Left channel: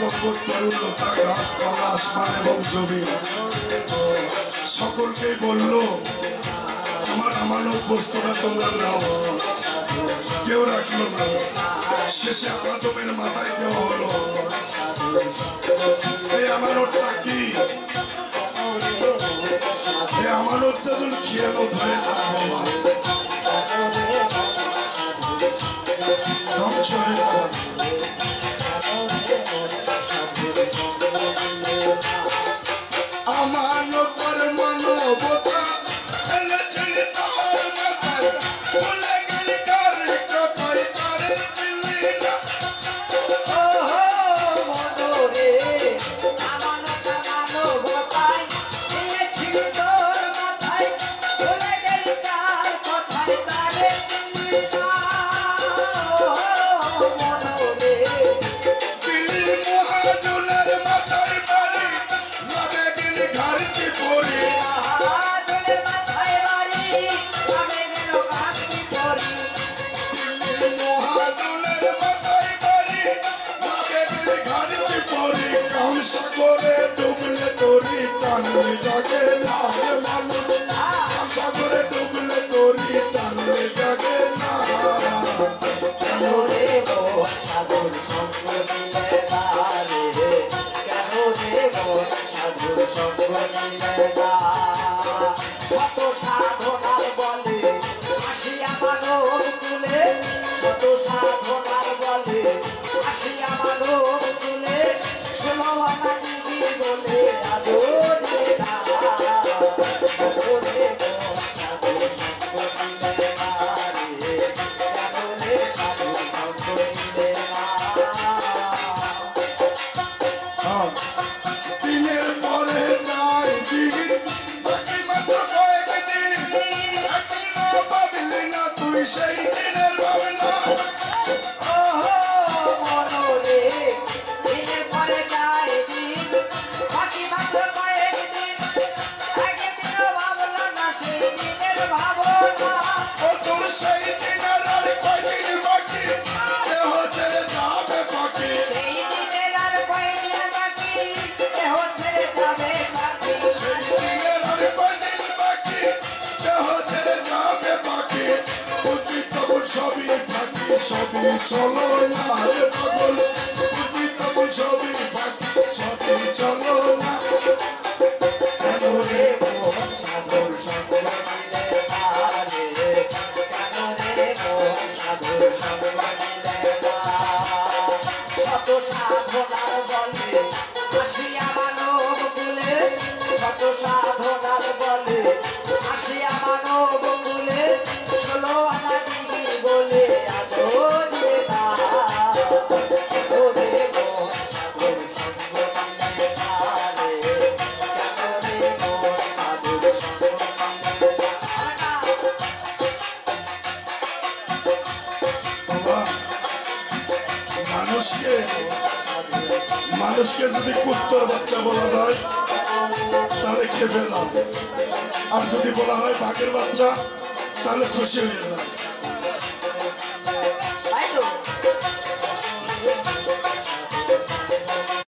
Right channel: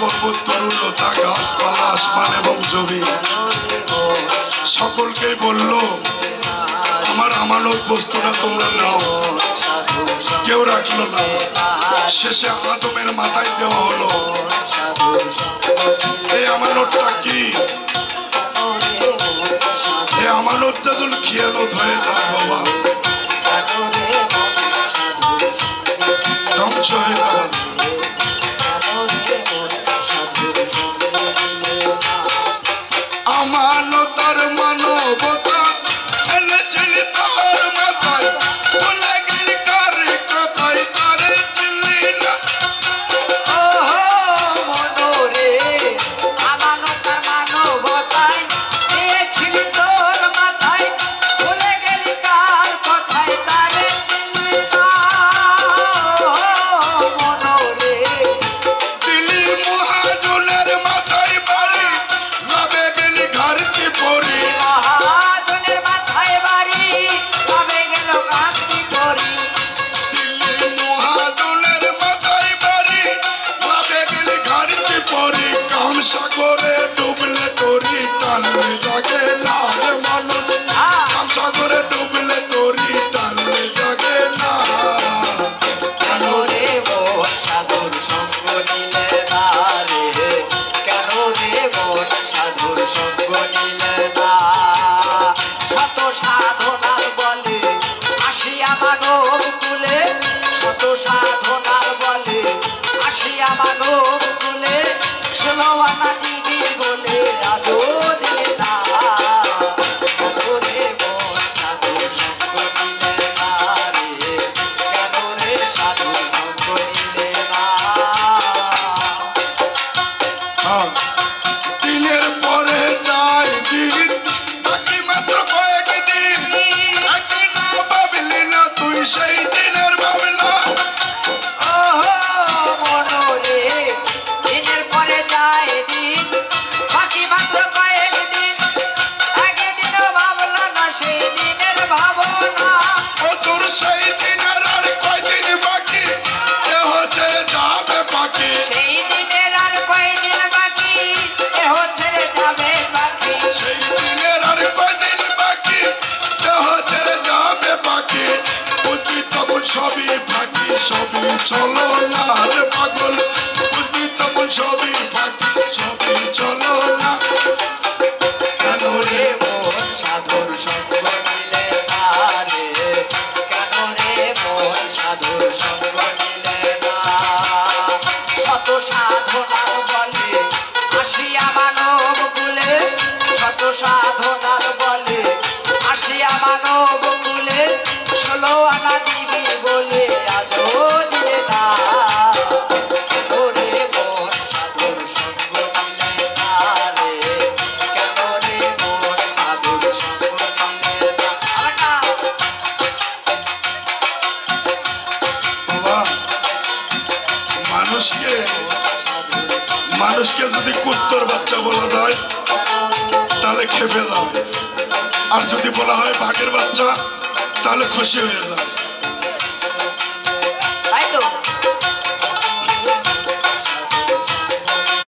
পর্বত তরুলতা গাছপালা আসমান এবং জমি সকলকেই বলল আমার আমানত বস্তুটা তোমরা নাও। কেউ রাখলো না। শেষে আদমের মাথায় দেওয়া হলো। এই আমানতটা কি? এই আমানতটা যদি খেয়ালত হয়ে যায় বাবা ধ্বংস হয়ে যাবে। আমানতার মানবতা এনেছিল তার মাথায়, বলে গেলি কার কথায় তারে চিনলি না। মনোরে আমানতার মানবতায় এনেছিল তোর মাথায়, বলে গেলি কার কথায় তারে চিনলি না। মনোরে দিলি মহাজনের মাথায় বাড়ি, লাভে গেলি ঘরকে পড়ি। মহাজনের মাথায় বাড়ি, কবে গেল গাছটি পরি। দিলি মহাজনের মাথায় বাড়ি, লাভে গেলি ঘরকে পড়ি। কাম সাগরে ডুবলে তোরি টানলে জাগে না রে মানুষ। কাম সাগরে ডুবলে তোরি টানলে জাগে না। কেন রে মোর সাধুর সঙ্গ নিলে না রে, কেন রে মোর সাধুর সঙ্গ নিলে না। শত সাধনার বলে আসিয়া মানব কুলে, শত সাধনার বলে আসিয়া মানব কুলে, 16 আনা দিদি বলে আদো রে না। কেন রে মোর সাধুর সঙ্গ নিলে না রে, কেন রে সাধুর সঙ্গ নিলে না। দিনের পরে যায় দিন, বাকি মাত্র কয়েক দিন। একদিন না ভাবলি না তুই সেই দিনের ভাবনা। মনোরে দিনের পরে যায় দিন, বাকি মাত্র কয়েকদিন। একদিনও ভাবলো না সেই দিনের ভাবনা। ও তোর সেই দিনের আর কয়দিন বাকি, কেহ ছেড়ে যাবে পাখি। সেই দিনের আর কয়দিন বাকি, দেহ ছেড়ে যাবে পাখি। সেই দিনের আর কয়দিন বাকি, কেহ ছেড়ে যাবে পাখি। বুঝবি তখন সবই ফাঁকি, সবই চলো না রে পাগল। বুঝবি তখন সবই ফাঁকি, সবই চলো না। কেন রে রে মোর সাধুর সঙ্গ নিলে না রে, কেন রে মোর সাধুর সঙ্গ নিলে না। শত সাধনার বলে আসিয়া মানব কুলে, শত সাধনার বলে আসিয়া মানব কুলে, 16 আনা দিবি বলে আদো দিলে না। কেন রে মোর সাধুর সঙ্গ নিলে না রে, কেন রে মোর সাধুর সঙ্গ নিলে না। বাবা মানুষকে যদি কুত্তর বাচ্চা বলা যায় তাহলে খেপে যায়, আর যদি বলা হয় বাঘের বাচ্চা তাহলে খুশি হয়ে যায়।